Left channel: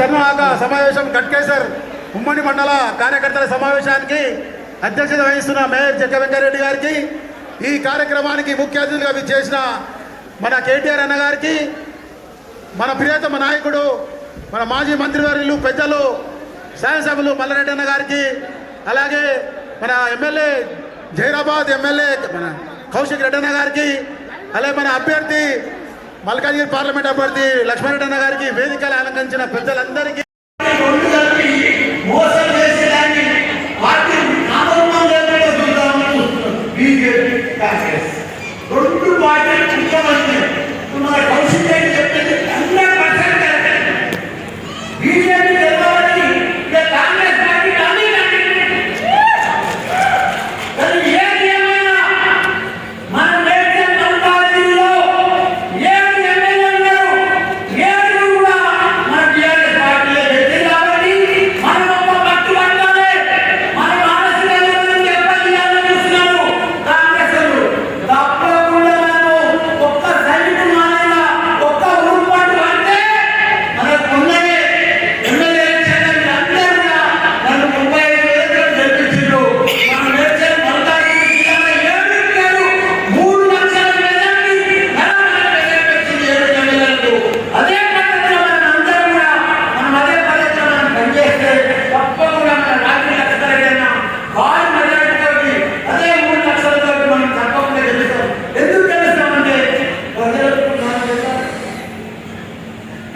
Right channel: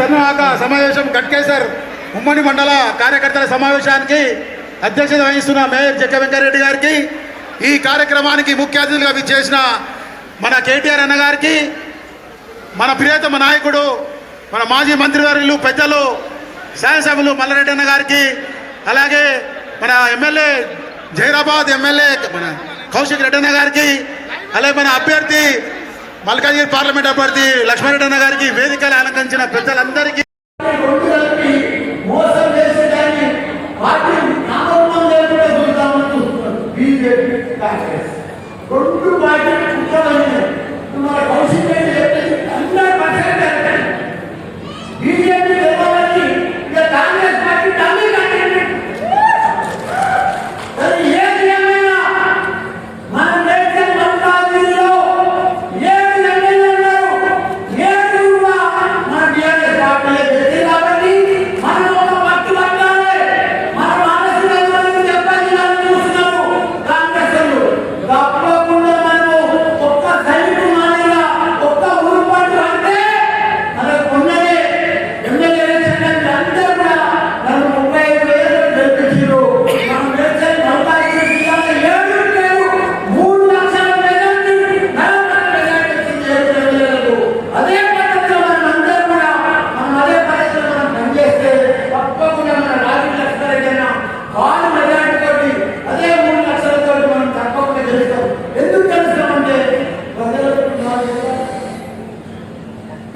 సమూహక సమావేశం గట్కేసర్ ఉమ్మడి మండల కార్యకర్తల సమావేశానికి అధ్యక్షత వహిస్తున్న మేయర్ జక్క వెంకరెడ్డి గారికి ఈ కార్యక్రమానికి ముఖ్య అతిథులుగా విచ్చేసిన మన కేటీఆర్ అన్న గారికి మన ప్రియతమ నాయకుడు మన మాజీ మంత్రివర్యులు పెద్దలు శాసనసభ్యులు మల్లారెడ్డి అన్న గారికి అలాగే మన ఎమ్మెల్యే జైరాబాద్ ఎమ్మెల్యే మన కౌశిక్ రెడ్డి అన్న గారికి అలాగే మన అభ్యర్థి మల్కాజ్గిరి పార్లమెంట్ అభ్యర్థి లక్ష్మారెడ్డి అన్న గారికి వేదికలు అలంకరించిన పెద్దలందరికీ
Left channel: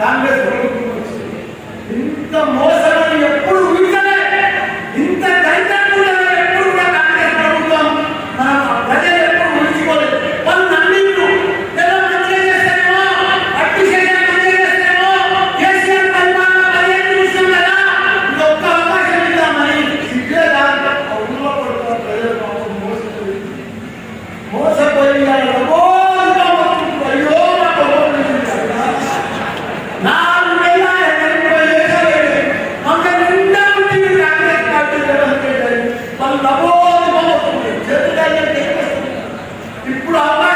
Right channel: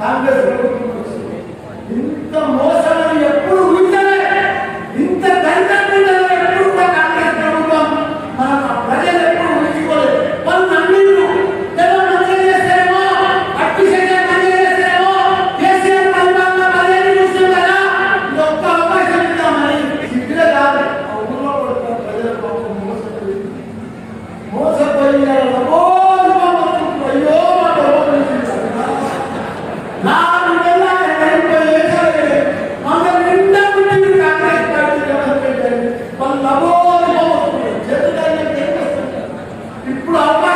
ಕಾಂಗ್ರೆಸ್ Pulau apa?